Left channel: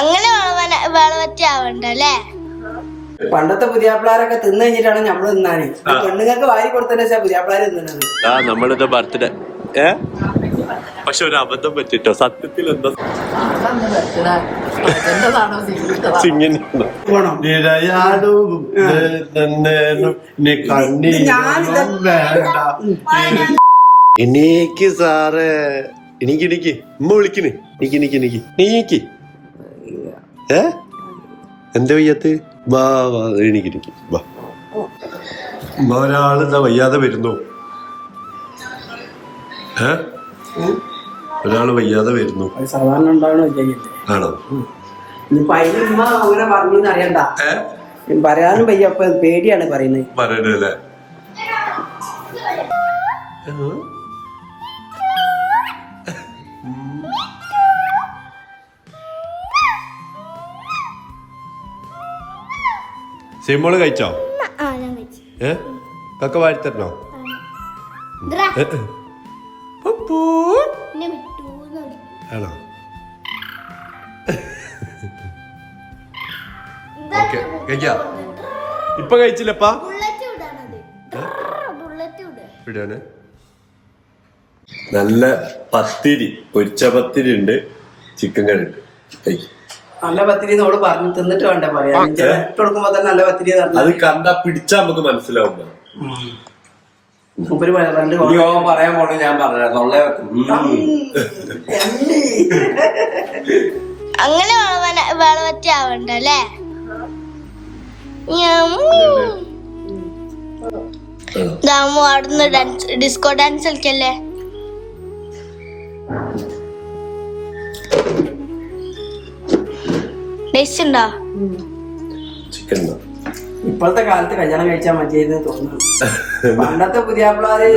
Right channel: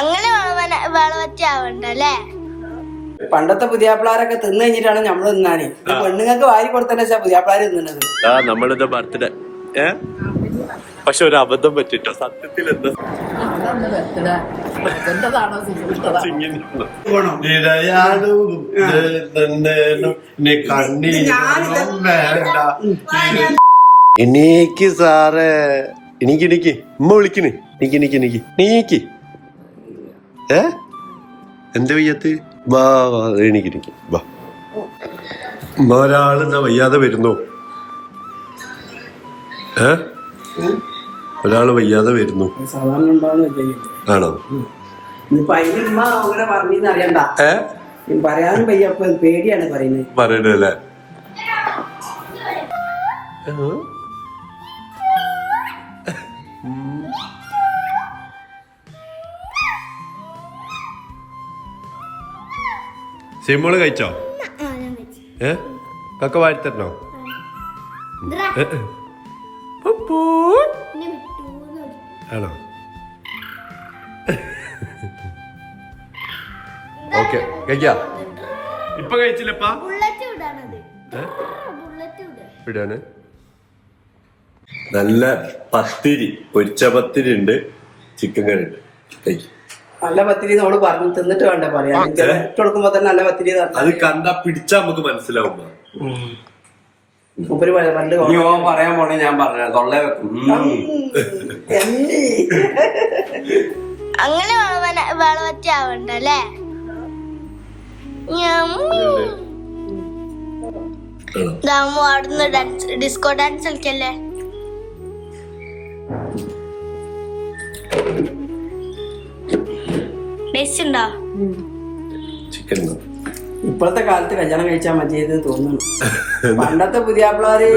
അങ്ങനെ വളവറ്റാവണ്ടല്ലേ. പണ്ടത്തെ പുതിയാപ്പിളാരൊക്കെ തിന്നു കഴിഞ്ഞിട്ടാണ് നമ്മള് തിന്നാന്. പെണ്ണുങ്ങൾക്ക് വാരി കൊടുത്തന്നെ പുതിയാപ്പിളാര് തിന്നുന്നത്. നമ്മളിത് ബർത്ത്ഡേ പക്ഷെ ഒരു അബദ്ധം പറ്റിട്ടോ. സത്യത്തിൽ എന്താ എനിക്ക് സാറേ എനിക്ക് ഉമ്മ വിളിക്കണ്. നീക്ക് എന്താ വയ്യാത്ത വാ വാ എനിക്ക് വാ. ഒരാളെന്താ വയ്യാതെ വരുന്നു. ഒരാള് വയ്യാതെ വരുന്നു. സാധാരണ ആണോ? അങ്ങനെ പറഞ്ഞറിയണ്ട. പറയാനും വയ്യ. പേടിയാണ് പറയുന്നത്. പറയണല്ലേ? സിമോള് കഴിച്ചോ? കക്ക വാഴ്ത്തരണോ? ആണോ? ഓക്കെ കഴിക്കാം. ഇപ്പൊ കഴിച്ചില്ലപ്പാ? ഇടാണ്. നല്ല പത്തിരി, പൊരിച്ച പത്തിരി ഉണ്ട്, ചിക്കൻ കറി ഉണ്ട്. നല്ല പത്തിരി നമ്മള് പറഞ്ഞു തിന്നിട്ട് വേണ്ടേ പറയാ. കൊടുക്കുമ്പോ തന്നെ നല്ല പത്തിരി അത് കണ്ടാ പിടിച്ചാ നമുക്ക് മനസ്സിലാവും. പറയാൻ പോണേ ഞാൻ പറഞ്ഞ തൊള്ളേ വെക്കും. അങ്ങനെ വളവറ്റാവണ്ടല്ലേ. അവിടുന്ന് ഡിസ്കോ ഡാൻസ് കളിക്കല്ലേ. ടേസ്റ്റ് ഉണ്ടോ? ചിക്കൻ ഇപ്പോഴത്തെ കാലത്ത് കല്യാണം കഴിച്ചാൽ മതിയെന്ന് തോന്നുന്നു. പണ്ടത്തെ പുതിയാപ്പിളാര്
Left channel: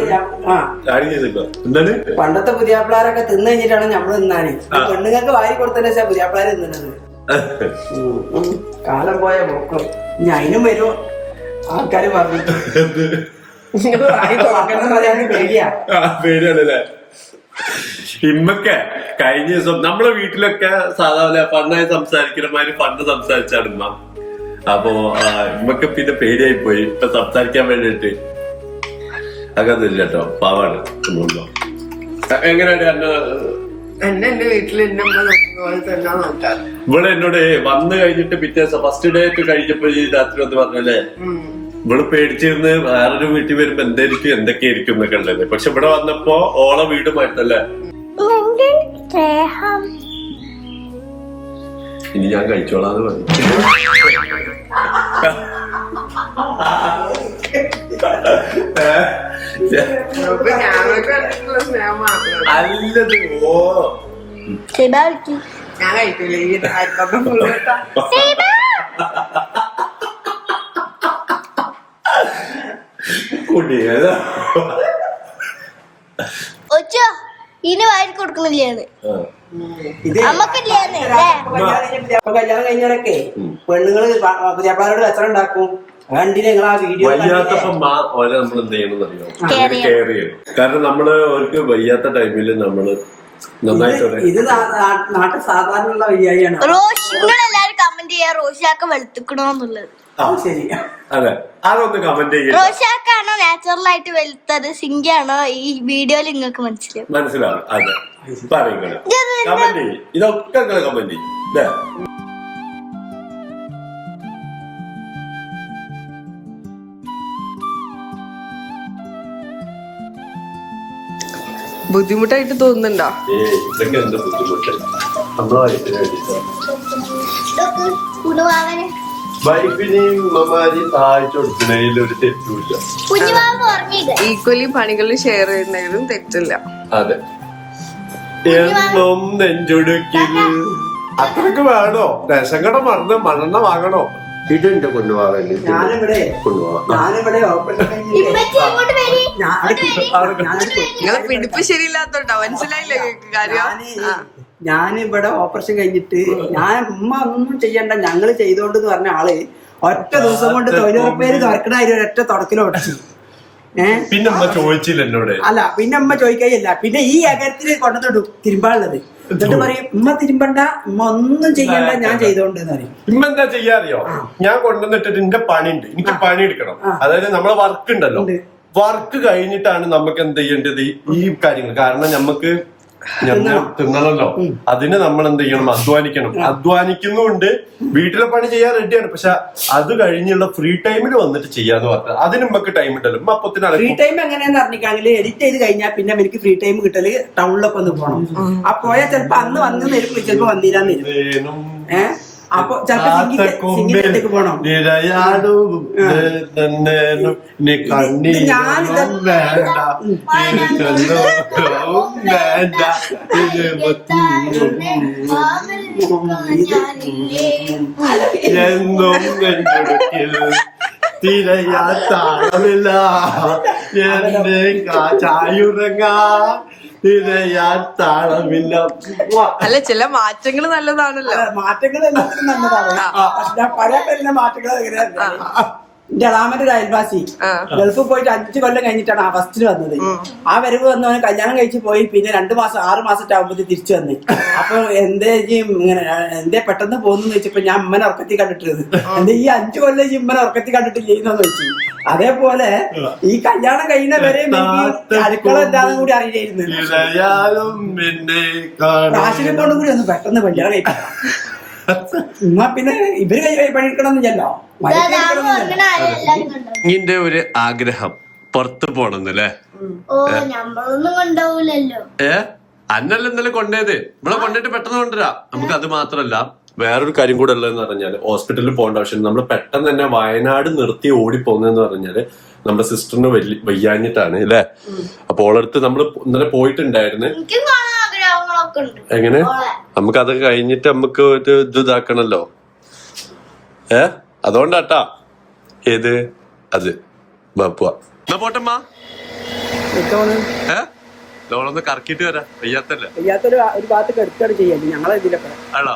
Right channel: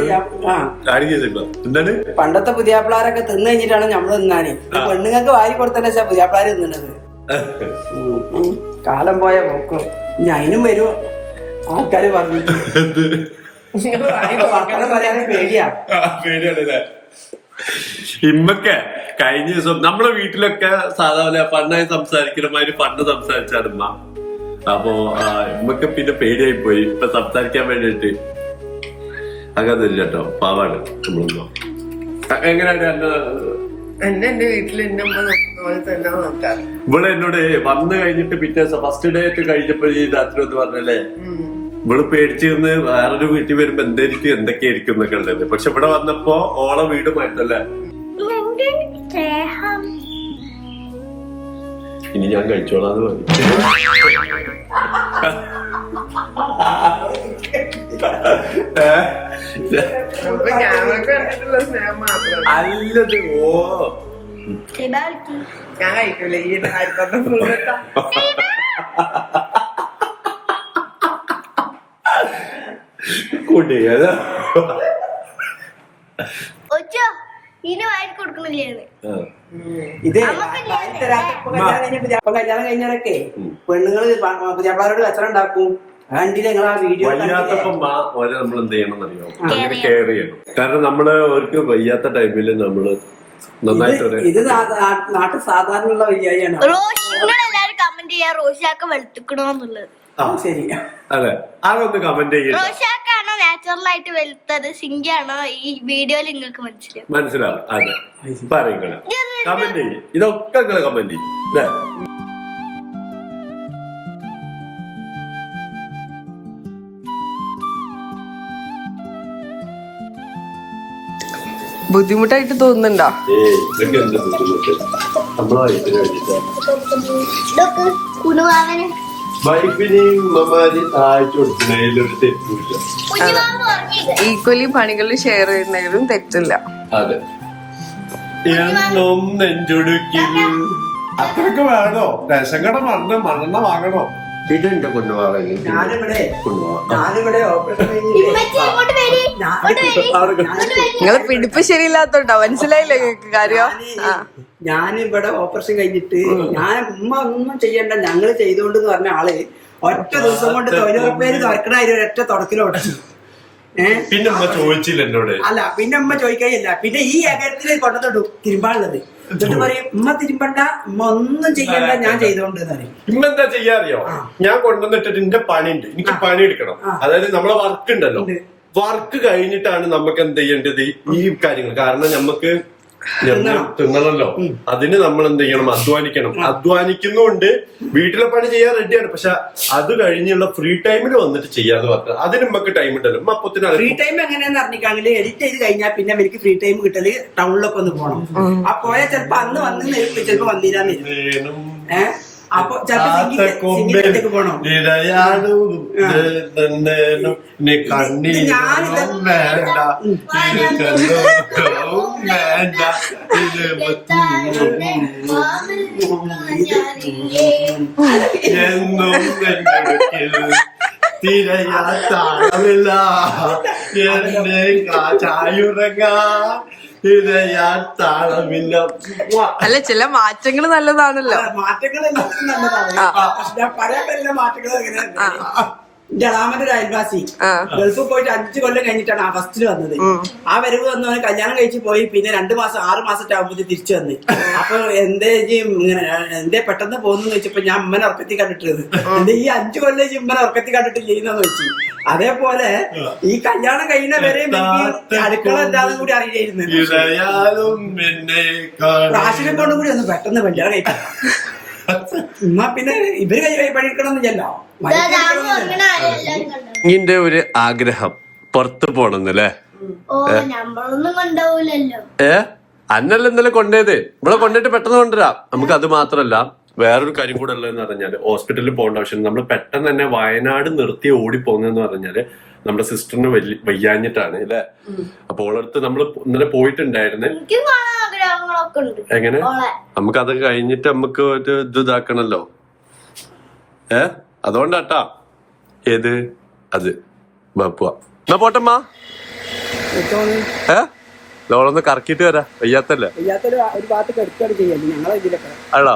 പണ്ടത്തെ പുതിയാപ്പിളാരൊക്കെ തിന്നു കഴിഞ്ഞിട്ടാണ് നമ്മള് തിന്നാന്. പെണ്ണുങ്ങൾക്ക് വാരി കൊടുത്തന്നെ പുതിയാപ്പിളാര് തിന്നുന്നത്. കാലം പോയ പോക്ക്. ഇനി അതിനും വരും ആൾക്കാര് പറഞ്ഞു. പേടിയാണല്ലേ? ഇമ്മക്കെ കഴിഞ്ഞ ദിവസം നമ്മളെ വീട്ടിലൊക്കെ സാധാരണ പണ്ടായി സംസാരിക്കണമാതിരി പണ്ട് സംസാരിച്ചാണ് ഉമ്മ. അപ്പൊ ഇമ്മക്ക് പിന്നെ പേടിയായി പോയി ഇപ്പൊ സംസാരിക്കാൻ വേണ്ടിട്ട്. അങ്ങനൊന്നുമില്ല കേട്ടോ, പാവാണ്. എങ്ങനെയാണ് എന്റെ വീട്ടില് ഇവിടെ എന്നോട് വന്നു കഴിഞ്ഞിട്ട് പിറ്റേ ദിവസം ഫസ്റ്റ് ഡേ ഒക്കെ കഴിഞ്ഞപ്പോ ഈ രാത്രി വന്ന് പറഞ്ഞല്ലേ ഇവള് പേടിച്ചിരുന്ന് വേറൊരു വീട്ടിൽ വരുമ്പോ എന്തായിരിക്കും എന്തൊക്കെയായിരിക്കും എന്നൊക്കെ ഉള്ളത്. പക്ഷെ ഇവിടെ വന്നപ്പോ ഓളെ വീട് മാറ്റല്ലേ. ഇനി ഞാൻ കഴിച്ചോളാന്ന് പറഞ്ഞു. അല്ലത് ഓ ഞാൻ കഴിക്കൂല ഈ കുട്ടികള് ഇനി വാരി കൊടുക്കണില്ലേന്ന് കല്യാണം കഴിഞ്ഞവരൊക്കെ പെണ്ണുങ്ങള് പുതിയാപ്പിളാരോട് കച്ചറ ഉണ്ടാക്കും. കണ്ടില്ല നിങ്ങൾ ആ വീഡിയോ? നമ്മൾ എന്ത് ചെയ്യണമെന്നറിയോ? കെയർ ചെയ്യണം. കാരണം നമ്മള് അവർക്ക് വയ്യാത്ത ടൈമില് നമ്മള് നന്നായിട്ട് ഇത് നാട്ടിൽ സാധാരണ വയ്യായാണ്. നിങ്ങളെല്ലാരും കമന്റ് ചെയ്യാ റോഷിയാക്ക വെളുത്തുക്കണോന്നുള്ളത്. ശരി, അതെ അതൊന്ന് കമന്റ് ചെയ്യാം. റോഷിയാക്കാണോ നാച്ചുറൽ ആയിട്ട് വെളുത്തത്, സിംഗാണോ ഈ വീഡിയോയിൽ നിങ്ങൾക്ക് മനസ്സിലാവും. അതെ പറയുന്നത് കമന്റ് ചെയ്യും. ഇതൊക്കെ നിങ്ങൾ കമന്റ് ചെയ്യും അല്ലേ? ബുദ്ധിമുട്ടായിട്ട് തോന്നുന്നുണ്ടോ? ഇതൊക്കെ എന്താ ബുദ്ധിമുട്ട്? നമ്മളെ വൈഫിനെയും ഉമ്മമാരെയും സഹായിച്ചു കൊടുക്കുന്നതിലൊരു തെറ്റുമില്ല. ഈക്വലി പണികൾ ഷെയർ ചെയ്യുന്നതിലും തെറ്റില്ല. അതെ, എന്നും നെഞ്ചൊടുക്കിൽ അത്രക്ക് വേണോ? റേഷൻ കട മറന്ന് മണ്ണെണ്ണ വാങ്ങണോ? ഇതെന്റെ കൊണ്ടുപോകാൻ നിങ്ങളെ പിടിപ്പ് ശരിയില്ലാത്തോട്ടോ, മനസ്സിലായില്ലേ കാര്യം? ഞാനിവിടെ ഓപ്പറേഷൻ കഴിഞ്ഞിട്ട് ഉമ്മ ഒന്നും ചെയ്യണ്ട ഞങ്ങള് ചെയ്തോണ്ടെന്ന് പറഞ്ഞ ആള് ഒറ്റ ദിവസം കൊണ്ട് 90 പേര് കറക്കണായിരുന്നു ഒരൊറ്റ തുടക്കിലോ ഒടിച്ചു. പിന്നെ ഉമ്മ ചോദിച്ചില്ല എന്നോട്. അല്ല പിന്നെ അമ്മ ചോദിക്കുകയല്ല, പിന്നെ ഈ അകരത്തിന് കൊണ്ടത്തോട്ടു തിരുമ്പാനുള്ളത്. എന്നിട്ട് പറയും ഉമ്മ തിരുമ്പണ്ട, ഉമ്മ ഒന്നും ചെയ്യണ്ട, ഞാൻ ചെയ്തോണ്ട് പറയും. ഉമ്മ എന്താ ചെയ്യാറിയോ, ഞാൻ കൊണ്ടുവന്നിട്ടിട്ട് എന്റെ പണിയുണ്ട്, എനിക്ക് പണി എടുക്കണം. അതായത് നമ്മളെ വർക്ക് ഉണ്ടല്ലോ, വർക്ക് കഴിഞ്ഞിട്ടാണ് നമുക്ക് എന്ത് ചെയ്യേണ്ടത് ഈ കാര്യങ്ങൾ. കാരണം നമുക്ക് തിന്നണല്ലോ, അതിന് നമ്മൾ എന്ത് ചെയ്യണം, അധ്വാനിക്കണം. അധ്വാനിക്കുന്നുണ്ട്, വീട്ടിലെ പണി ചെയ്യാൻ റെഡിയാണ്. പക്ഷെ അത് കഴിഞ്ഞുള്ള ഫ്രീ ടൈമിൽ വന്നിട്ട് ചെയ്യാന്ന് പറഞ്ഞാൽ അതിന് നമുക്ക് ടൈം ഉണ്ടല്ലോ. ഫ്രീ ടൈം എങ്ങനെയാന്ന് പറഞ്ഞിട്ടാണെങ്കിൽ എഡിറ്റ് ചെയ്ത് കഴിഞ്ഞാൽ പിന്നെ എനിക്ക് ഫ്രീ ടൈം കിട്ടല് ടൗണിലൊക്കെ ഒന്ന് പോകണം. ആ പോയാൽ ചിലപ്പോ അന്ന് വന്ന് നേരിട്ട് ചിലപ്പോ വന്നില്ലാന്നില്ല. അപ്പൊ ചിലപ്പോ പോണം. എന്നും തിരയാ താളമില്ല എന്റെ ചായുറങ്ങാ തിരയാൻ താളമില്ല. അല്ല, ചില മാറ്റങ്ങൾ നല്ലതാണല്ലോ. മാറ്റങ്ങൾ എല്ലാത്തിനും നല്ലതാണ്. പക്ഷെ ഞാൻ പഴയ പേരിലെ മാറ്റങ്ങൾ എങ്ങനെയാ, എന്റെ അളാമന്റെ ഒരു അയൽവാസി ഗൾഫിൽ പോയിട്ട് 5 കൊല്ലം കഴിഞ്ഞിട്ടാണ് ആ ഫസ്റ്റിൽ വന്നത്. ആ വരവ് വന്നവന് കല്യാണം കഴിച്ച് പോയി, പിന്നെ 2 മാസം 6 മാസത്തെ ആകുമ്പോഴത്തെ തിരിച്ചു വന്ന്. അപ്പൊ ഇങ്ങനെ എന്തേ പെട്ടെന്ന് പോകുന്നു വെച്ചപ്പോ ഞാൻ ഉമ്മനെ ഉറക്കത്തി കണ്ടിട്ടത്. എന്റെ ഈ 5 കൊല്ലം ഉമ്മനെ ഉറക്കത്തി കണ്ടിട്ട് ചെയ്യുന്നെന്ന് വെച്ചു. അതേപോലെ ഈ കല്യാണം കഴിയുന്ന വരെ അടുക്കള എന്താണെന്ന് കൂടി അറിയായിരുന്നു. കാശിനെ കൊണ്ടും കൂടി ഒന്ന് പെട്ടെന്ന് കല്യാണം കഴിക്കാം. പിന്നെ ഇവര് പണിയെടുക്കണമെന്നില്ലല്ലോ. നിന്റെ ഒരു ആഗ്രഹം പുറത്ത് പോണെന്നല്ലേ? അന്നല്ല ഇന്നലെ കൊണ്ടേത്, ഇവിടെ കൊണ്ടിട്ട് പെട്ടെന്ന് കൊണ്ടുവരാം. നമുക്ക് അത് മാത്രല്ല, വേറൊരു കാര്യം കൂടെ ഉള്ളതെന്ന് പറഞ്ഞാല് ഹോസ്പിറ്റലിൽ പോകേണ്ട ആവശ്യം. നമ്മൾ പെട്ടെന്ന് തന്നെ വയനാട് നിർത്തി ഓടിപ്പോകുന്നതെന്ന് പറഞ്ഞാല് നമ്മുടെ സിസ്റ്ററിന് വയ്യാഞ്ഞിട്ടാണ് അല്ലേ. അപ്പൊ ഓളടുത്ത് നമ്മൾ ഇന്നലെ പോയിട്ടുണ്ടായിരുന്നു. എങ്ങനെ നമുക്ക് അത് കഴിഞ്ഞിട്ട് നമുക്ക് ഒരു ഇത് ഇതാക്കണല്ലോ. അതുകൊണ്ടാട്ടാ ഏത് അത് ബാപ്പുവാ. എന്നാ പോട്ടമ്മ, ലോളൊന്ന് കറക്കിട്ട് വരാ. വയ്യാത്തല്ലേ? ഒരു ഭാഗത്ത് എടുക്കാണ് ചെയ്യാൻ ഞങ്ങളെ ഇതിലൊക്കെ ആണോ?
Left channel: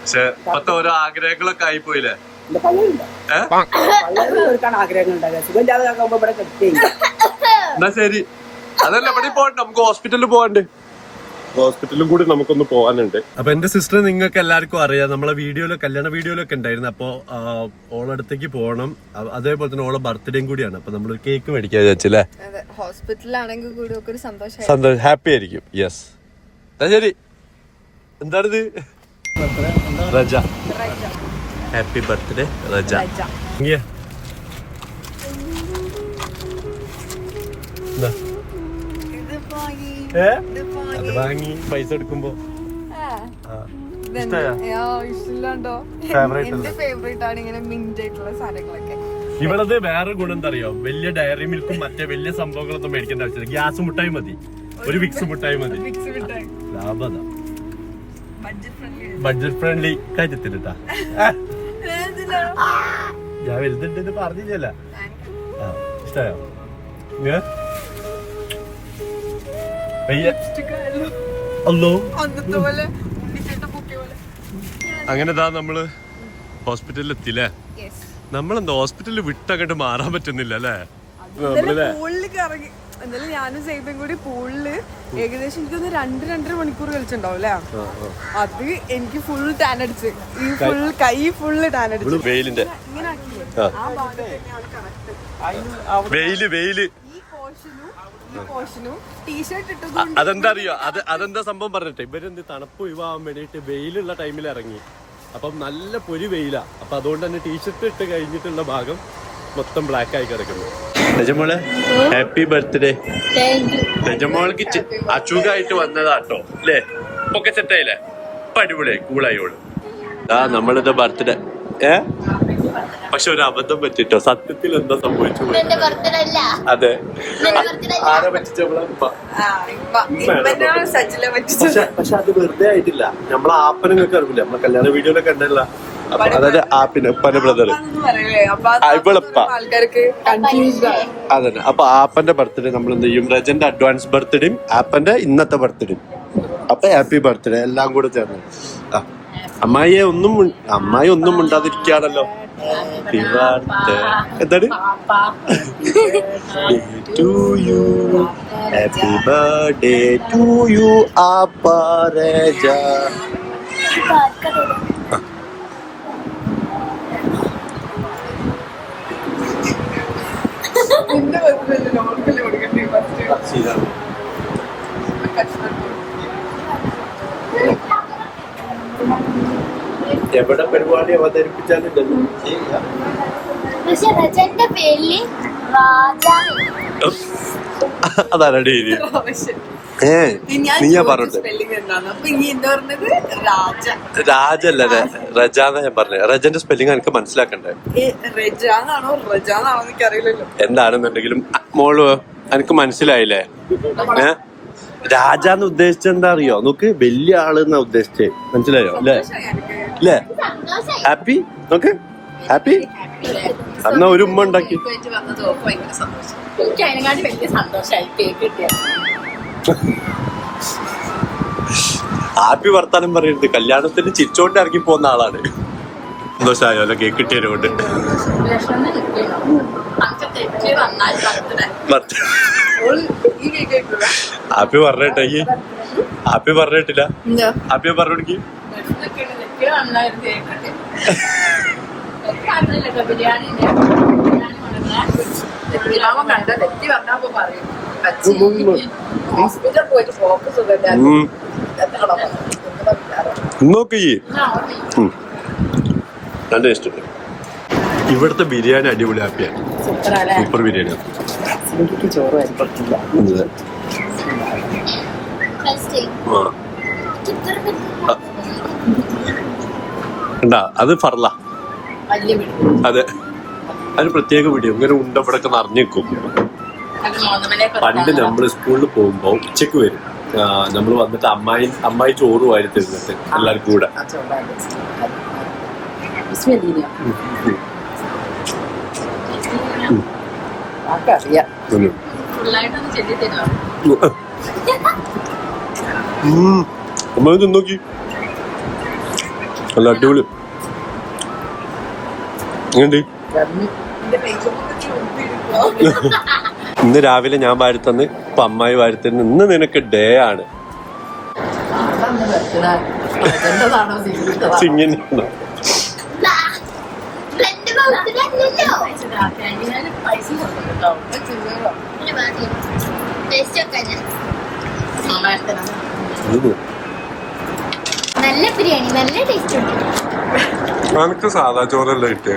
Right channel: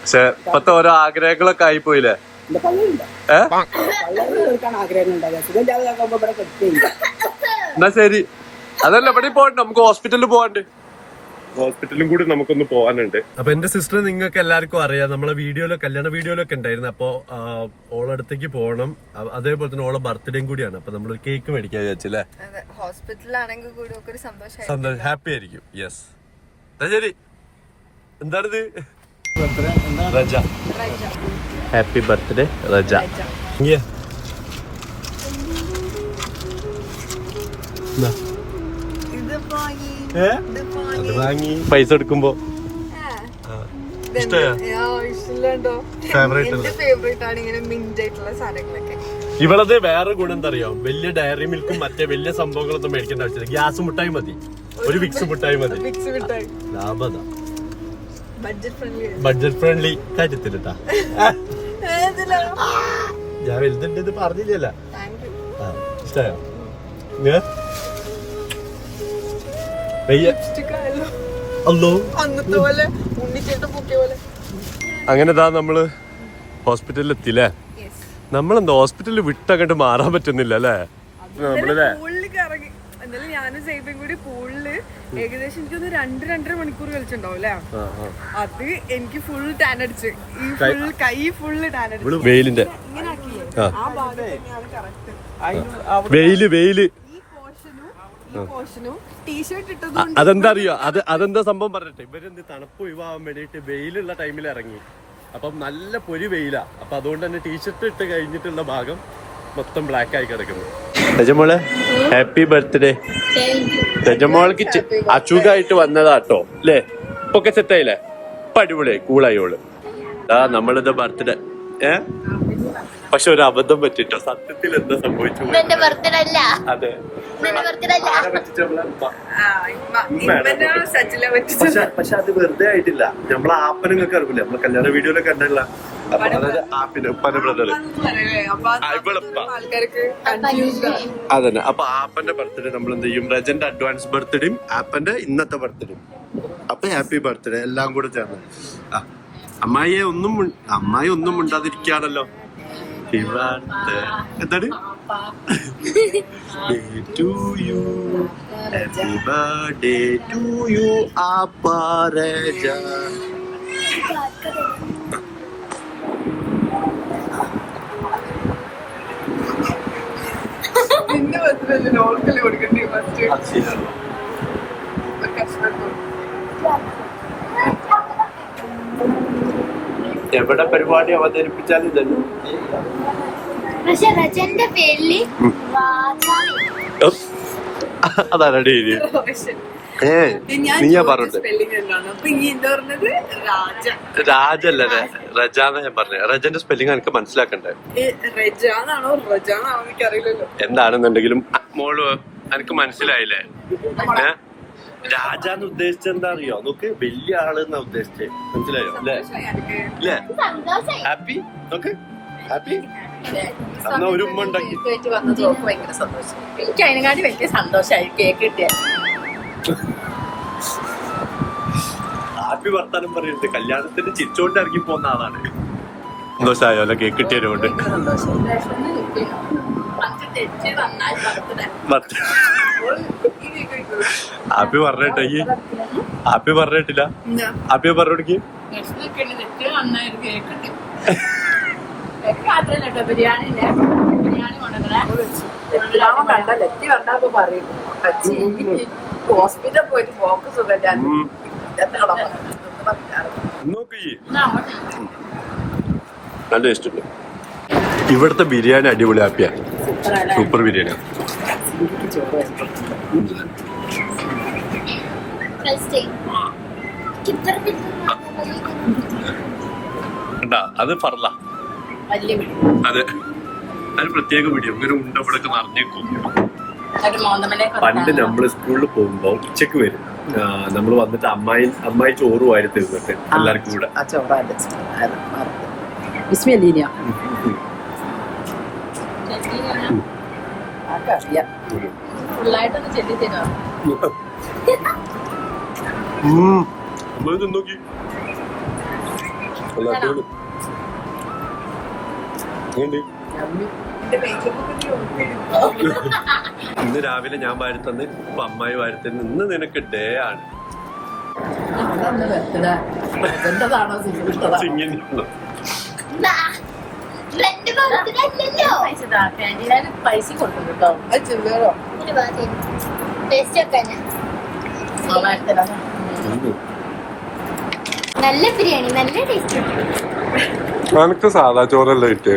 പക്ഷെ ഇപ്പത്തെ ഓരോ ആഗ്രഹങ്ങളൊക്കെ ആയിപ്പോയില്ലേ. എന്നാ ശരി, അതല്ല ഇവിടെ പോകണ്ട, നമുക്ക് ഹോസ്പിറ്റലിൽ പോവാണ്ട്. ഹോസ്പിറ്റലും കൂടി നമുക്കൊന്ന് പോകാനുണ്ട്. അപ്പൊ എന്റെ സിസ്റ്റർ നിങ്ങൾക്ക് എല്ലാവർക്കും അറിയാം, നമ്മളെ കല്യാണ വീഡിയോയിലൊക്കെ ഉണ്ടായിരുന്നു. അപ്പൊ ഓളടുത്തേക്ക് പോകണം. അതേപോലെ തന്നെ ഓളെ ബർത്ത്ഡേയും കൂടിയാണ്. അപ്പൊ നമ്മള് കേക്ക് മേടിക്കാൻ വിചാരിച്ചല്ലേ. ഹോസ്പിറ്റലാണെങ്കിൽ കൂടി ഒരു സന്തോഷം, ഹാപ്പി ആയിരിക്കും. യെസ്, ശരി. എന്താണിത്? റജ. Happy birthday Raja. അത് വാങ്ങി പൈസ എടുക്കുമ്പോ ഇവളത് വേറെ ഗുണം എന്താ അറിയോ, വലിയ ഡയറി മിൽക്കും മറ്റേ വലിയ സംഭവങ്ങളൊന്നും മേടിക്കേണ്ട ആവശ്യമില്ല. ഗ്യാസ് മുട്ടായി മതി, ഒരു വിക്സ് മുട്ടായി മതി. ലാഭത, ബഡ്ജറ്റ് ഫ്രണ്ട്ലി കാര്യത്തിട്ടാ. ഞാൻ വലുതുണ്ട് ഇത് പറഞ്ഞില്ലല്ല. ഇഷ്ടായോ? അങ്ങനെ നമ്മള് ഹോസ്പിറ്റലിൽ എത്തില്ലേ. നമ്മളെന്താ ഹോസ്പിറ്റലിൽ വിട്ടങ്ങോട്ട് മാറാൻ പറ്റുന്നില്ല അല്ലേ. എന്തായാലും ഞാനും സൈബും കൂടി പൂളില് ഏകദേശം എനിക്കൊന്ന് 2-2.5 മണിക്കൂർ കളിച്ചിട്ടുണ്ടാവും അല്ലേ. അത് എനിക്ക് ഫുൾ ടാൻ അടിച്ച്, ഈ ഫുൾ കൈ ഫുള്ള് ടാൻ അടിച്ചു. വെയിലിന്റെ ഇങ്ങനെ ആക്കില്ലേ, ആ ഭാഗത്ത് തന്നെയാണ് കറക്റ്റ് വെയില്. ഈ പോർഷനും ടീഷർട്ട് ഇട്ടതുകൊണ്ട് അതെന്താ അറിയോ, അതെന്താ സംഭവം പറഞ്ഞിട്ട് ഇവരെന്ത് തണുപ്പ് ഒഴിവാകാൻ വേണ്ടിട്ട് വെയിലുള്ള ടൈമിൽ ഇറങ്ങി. അപ്പം നല്ല പൊരി വെയിലാ. അപ്പൊ അതുകൊണ്ട് തന്നെ ടീഷർട്ട് ഇട്ട് കഴിഞ്ഞിട്ടുള്ള ഭാഗം മൊത്തം ബ്ലാക്ക് ആയി കിടക്കുന്നു. രജമോളെ ഹാപ്പി ബർത്ത്ഡേ. രജമോൾക്ക് അസുഖമായിട്ട് വന്നതാട്ടോ അല്ലേ. ഇപ്പൊക്കെ സെറ്റായില്ലേ, ഇപ്പൊ അടിപൊളിയായി കൂളായോള്. നമ്മളിത് ബർത്ത്ഡേ പക്ഷെ ഒരു അബദ്ധം പറ്റിട്ടോ. സത്യത്തിൽ എന്താ സംഭവിച്ചു? അതെ, ആരെ പറ്റിച്ചപ്പോഴാ? പക്ഷെ അത് വെറുതെ ആയിട്ടില്ല. നമ്മളെ ആപ്പനെ നിങ്ങൾക്ക് അറിയില്ല, നമ്മളെ കല്യാണ വീഡിയോയിലൊക്കെ ഉണ്ടല്ല. അപ്പൊ അതായത് ആപ്പിന് ഉപ്പന്റെ ബ്രദർ ഇവളപ്പ അതന്നെ. അപ്പൊ ആപ്പന്റെ ബർത്ത്ഡേ നമ്മൾ എന്ത് ചെയ്യും, റജന്റെ അഡ്വാൻസ് ബർത്ത്ഡേയും ആപ്പന്റെ ഇന്നത്തെ ബർത്ത്ഡേയും. അപ്പൊ ഹാപ്പി ബർത്ത്ഡേ എല്ലാം കൂടെ ചേർന്ന്. അമ്മായി ഒന്നും മിണ്ടാതിരിക്കുകയാണല്ലോ. ഹാപ്പി ബർത്ത്ഡേ എന്താണ് to you happy birthday to you അപരജ. നിന്റെ ബർത്ത്ഡേ നോർമലി കൊടുക്കണ്ടേ ഫസ്റ്റ് എവിടെ പരിപാടി അവതരിപ്പിച്ചാലും ഇതല്ലോ. പക്ഷെ രജന്റെ പേരില് അതാണ് ഡെയിലി നീയാ പറഞ്ഞത്. രാജല്ല റജാന്നാ ഞാൻ പറഞ്ഞത്. റജന്റെ സ്പെല്ലിംഗ് എനിക്ക് മനസ്സിലാക്കണ്ടേ എന്താണെന്നുണ്ടെങ്കിലും മോള് എനിക്ക് മനസ്സിലായില്ലേ? രാജാന്ന് ഉദ്ദേശിച്ചത് എന്താ അറിയോ? നോക്ക് വലിയ ആള് എന്നാ ഉദ്ദേശിച്ചേ. മനസ്സിലായോ അല്ലേ? അല്ലേ? ഹാപ്പി നോക്ക് ഹാപ്പി. എന്നാ ഒരു ഉമ്മ ഉണ്ടാക്കി. എനിക്ക് അതിനെക്കാട്ടി വലിയ സന്തോഷമായി കേക്ക് കിട്ടിയ. ഹാപ്പി വർത്താനം പറയരുത്. കല്യാണത്തിന് ചിരിച്ചോണ്ട് ഇറങ്ങി പോകുന്ന ആളാണ്. സന്തോഷമായോ അല്ല കേക്ക് കിട്ടിയതുകൊണ്ട്? ഹാപ്പി പറഞ്ഞിട്ട ഹാപ്പി പറഞ്ഞിട്ടില്ല. ഹാപ്പി പറഞ്ഞോടിക്ക്. ബിരിയാണി കണ്ട ലെത്തി വന്നപ്പോ പറയും ഹോസ്പിറ്റൽ പോയിട്ട് ഫോക്കസ് നോക്ക് നല്ല ടേസ്റ്റ് ഉണ്ട്. ഇവിടുത്തെ ബിരിയാണി അടിപൊളി. ഹാപ്പിയാ സൂപ്പർ ബിരിയാണിയാണ്. അത് ഫർല. അതെ അതിന് പ്രത്യേക വീഡിയോ ഇങ്ങനെ ഉണ്ടവിടൊക്കെ നിറഞ്ഞേക്കും. പണ്ട് നമ്മള് സ്കൂളിൽ പോകുമ്പോ ഉച്ചക്ക് വരും. നമ്മൾ വന്നിട്ട് അമ്മായി ചോറ് വാരി തരുന്നിട്ട് എല്ലാവർക്കും കൂടെ. അമ്മ നോക്കി നല്ല അടിപൊളി. ഇന്ന് രാവിലെ ഞാൻ വാരിത്തന്ന് ഇപ്പൊ അമ്മായി വാരിത്തന്ന്. ഇന്ന് നിനക്ക് ഡേ ആണ്. നല്ല ബിരിയാണി നല്ല ടേസ്റ്റ് ഉണ്ട്. എനിക്ക് സാധാ ചോറല്ല ഇട്ട്.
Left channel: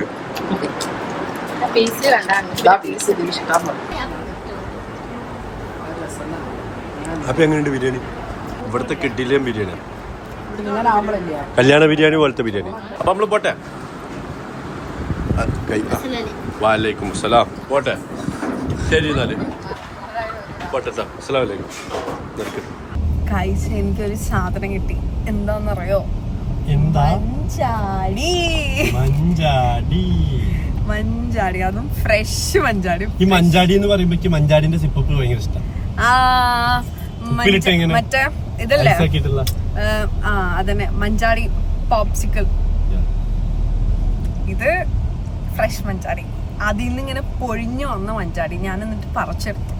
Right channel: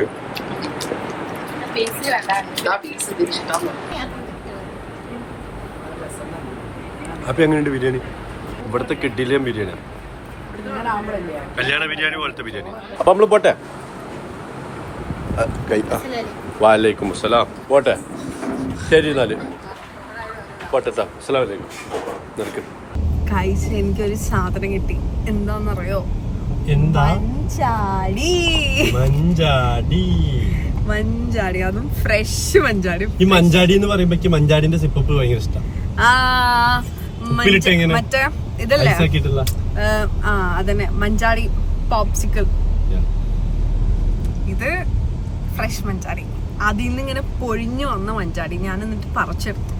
അപ്പൊ എങ്ങനെയുണ്ട് ബിരിയാണി? ഇവിടുത്തെ കിഡിലിയം ബിരിയാണി, കല്യാണ ബിരിയാണി പോലത്തെ ബിരിയാണി. അപ്പൊ നമ്മള് പോട്ടെ. വാലൈക്കും അസ്സലാം. പോട്ടെ ശരി എന്നാല് പോട്ടെ. അസ്സലാം വലൈക്കും. കഴിച്ച എനിക്കൊരു സാധനം കിട്ടി. എന്താന്നറിയോ? മഞ്ചാടി. മഞ്ചാടി, അതും ഫ്രഷ് മഞ്ചാടി. ഈ മഞ്ചാടി എന്ന് പറയുമ്പോ മഞ്ചാടിന്റെ സിപ്പപ്പ് ഭയങ്കര ഇഷ്ടം. മറ്റേ ഇതല്ലേ? അതന്നെ മഞ്ചാടി പോപ്സിക്കിൾ. ഇത് ഫ്രഷ് മഞ്ചാടി. അതിൽ നിന്ന് ഇങ്ങനെ പൊഴിഞ്ഞു വന്ന മഞ്ചാടി ഞാൻ എന്നിട്ട് പറിച്ചെടുത്തു.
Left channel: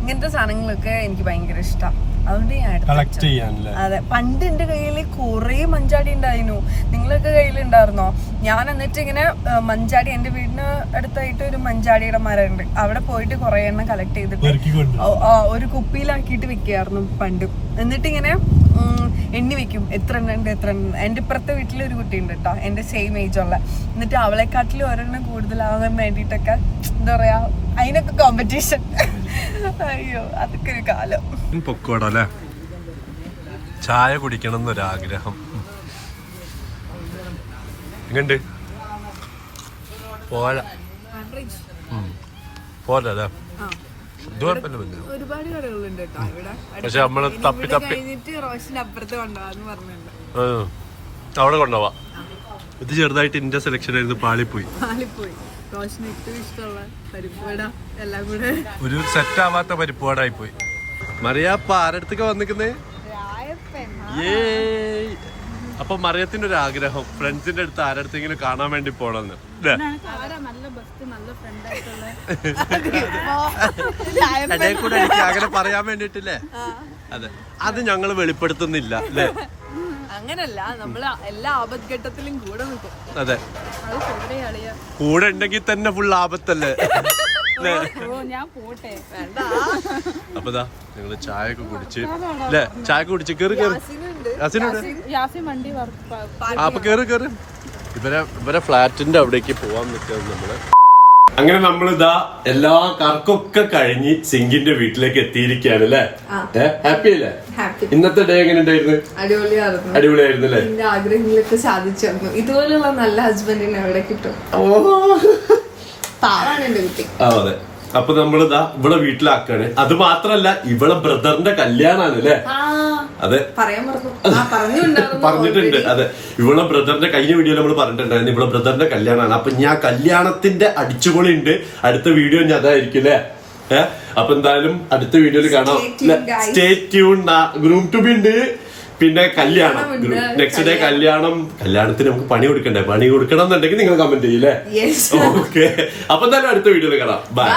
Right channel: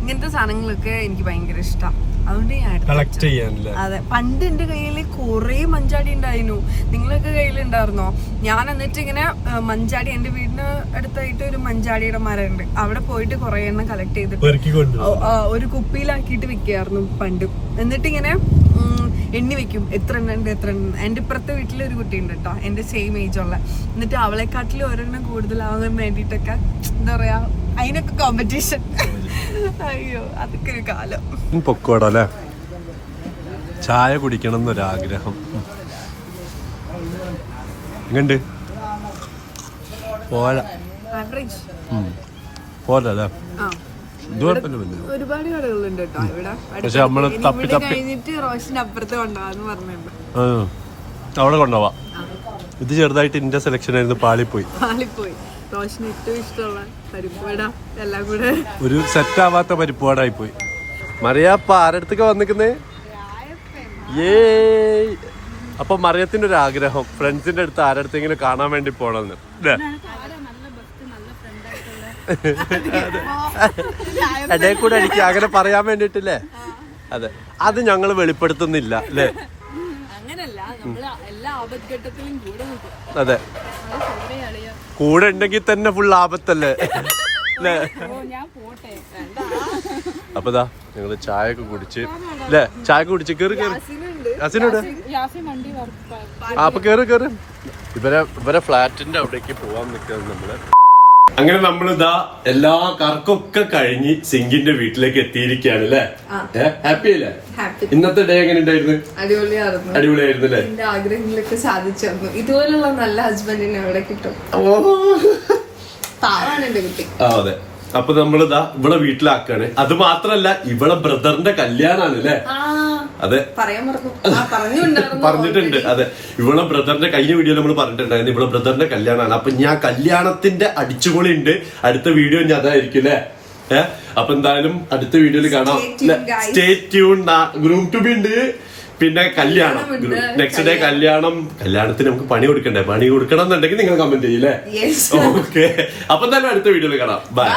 ഇങ്ങനത്തെ സാധനങ്ങളൊക്കെ എനിക്ക് ഭയങ്കര ഇഷ്ടം. അതുകൊണ്ട് ഞാൻ കളക്ട് ചെയ്യാനല്ലേ. അതെ, പണ്ട് എന്റെ കയ്യിൽ കുറെ മഞ്ചാടി ഉണ്ടായിരുന്നു. നിങ്ങളൊക്കെ കയ്യിലുണ്ടായിരുന്നോ? ഞാൻ എന്നിട്ട് ഇങ്ങനെ മഞ്ചാടി, എന്റെ വീടിന് അടുത്തായിട്ട് ഒരു മഞ്ചാടിയുടെ മരം ഉണ്ട്. അവിടെ പോയിട്ട് കുറെ എണ്ണം കളക്ട് ചെയ്തിട്ട് ഒരു കുപ്പിയിലാക്കിയിട്ട് വെക്കായിരുന്നു പണ്ട്. എന്നിട്ട് ഇങ്ങനെ എണ്ണി വെക്കും എത്ര എണ്ണം ഉണ്ട് എത്ര എണ്ണം. എന്റെ ഇപ്പുറത്തെ വീട്ടിൽ ഒരു കുട്ടി ഉണ്ട് കേട്ടോ, എന്റെ സെയിം ഏജ് ഉള്ള. എന്നിട്ട് അവളെക്കാട്ടിലും ഒരെണ്ണം കൂടുതലാവാൻ വേണ്ടിട്ടൊക്കെ എന്താ പറയാ, അതിനൊക്കെ കോമ്പറ്റീഷൻ. അയ്യോ അതൊക്കെ ഒരു കാലം. പൊക്കോടല്ലേ, ചായ കുടിക്കണം എന്നൊരാഗ്രഹം. എങ്ങണ്ട് പോരാ പോരല്ലേ? ഒരുപാട് കടകളുണ്ട് കേട്ടോ ഇവിടെ. പക്ഷെ നമ്മള് തപ്പി തപ്പി കഴിഞ്ഞിട്ട് റോഷന്റെ അപ്പുറത്ത് കൊണ്ടുപോകാന്ന് പറഞ്ഞിട്ടുണ്ട്. അവിടെ കൊണ്ടുപോവാ. ഇത് ചെറുതായിട്ട് ഇന്റെ സെലക്ഷൻ ആയിരുന്നു, പാളിപ്പോയി. റോഷന് ഏറ്റവും ഇഷ്ടമുള്ള പരിപ്പുവട എല്ലാം കൂടെ ഒരു സെറ്റ് ആവാത്ത പരിപ്പുവടായി പോയി. മറിയാപ്പ ആരടുത്തൊക്കെ വന്നിക്കുന്നേ? അപ്പൊ മറിയത്തിന്റെ ഒരു ആഗ്രഹം ഫ്രണ്ട്സിന്റെ അടുത്ത് ആരടുത്തെങ്കിലും കാണാൻ വേണ്ടി പോണെന്ന് ഇടയിൽ കൂടെ എനിക്ക് അങ്ങനെ പറയാൻ വേണ്ടിട്ടില്ലേ? അതെ, അത് ഞങ്ങൾ വെളിപ്പെടുത്തുന്നില്ല അല്ലേ? അങ്ങനല്ല, നമ്മള് എല്ലാ ആപത്ഘട്ടത്തിലും കൂടെ നിൽക്കും. അതെ, കൂടെ ഉണ്ടെങ്കിൽ തന്നെ ഫുൾ ആപത്തല്ലേ? ഞാൻ പോട്ടെ. അപ്പൊ ഞങ്ങള് ചായ ഒക്കെ കുടിച്ച് അല്ലേ? ചായ കുടിച്ച് കേറി അസിനോട് അപ്പൊ കേറി ഇവരെ ഫ്ലാറ്റിന്റെ അവിടേക്ക് പോവാൻ നിൽക്കുന്നത് നമ്മള്. അങ്ങനെ നമ്മളിതാ എല്ലാ കറക്കൊക്കെ കഴിഞ്ഞ് സിങ്കിന്റെ വീട്ടിലേക്ക് എത്തിയിരിക്കുകയാണ് അല്ലേ? ഹാപ്പി അല്ലേ? ഇന്നത്തെ ഡേ എങ്ങനെ ഉണ്ടായിരുന്നു? അടിപൊളിയായിരുന്നു അല്ലേ? എന്റെ ആഗ്രഹങ്ങളൊക്കെ സാധിച്ചു. ഇതുപോലുള്ള നല്ല ഹസ്ബൻഡിനെ എവിടെ കിട്ടും? പാവാണ് എന്റെ കുട്ടി. അതെ, അപ്പൊ നമ്മളിതാ ഇവിടെ വീട്ടിലാക്കാണ്. അത് മാത്രല്ല ഇവളെ ബ്രദറിന്റെ കല്യാണാണ് അല്ലേ? അതെ, പറഞ്ഞിട്ടുണ്ട്. അതെ, ഇവളെ ബ്രദറിന്റെ കഴിഞ്ഞ വീഡിയോ നമ്മൾ പറഞ്ഞിട്ടുണ്ടായിരുന്നു. ഇവളെ ബ്രദറിന്റെ കല്യാണാണ്. അപ്പൊ ഞാൻ കല്യാണത്തിന്റെ അടിച്ചുപൊളി ഉണ്ട്. അടുത്ത വീഡിയോ ഞാൻ അതായിരിക്കും അല്ലേ? അപ്പൊ എന്തായാലും അടുത്ത വീഡിയോയിൽ കാണാം. Stay tune. Groom to be ഉണ്ട്, പിന്നെ കല്യാണം, നെക്സ്റ്റ് ഡേ കല്യാണം. കല്യാണത്തിന് നമുക്ക് പണി കൊടുക്കണ്ടേ? പണി കൊടുക്കണം എന്നുണ്ടെങ്കിൽ നിങ്ങൾ കമന്റ് ചെയ്യില്ലേ? ഓക്കെ, അപ്പൊ എന്തായാലും അടുത്ത വീഡിയോയിൽ കാണാം. ബൈ.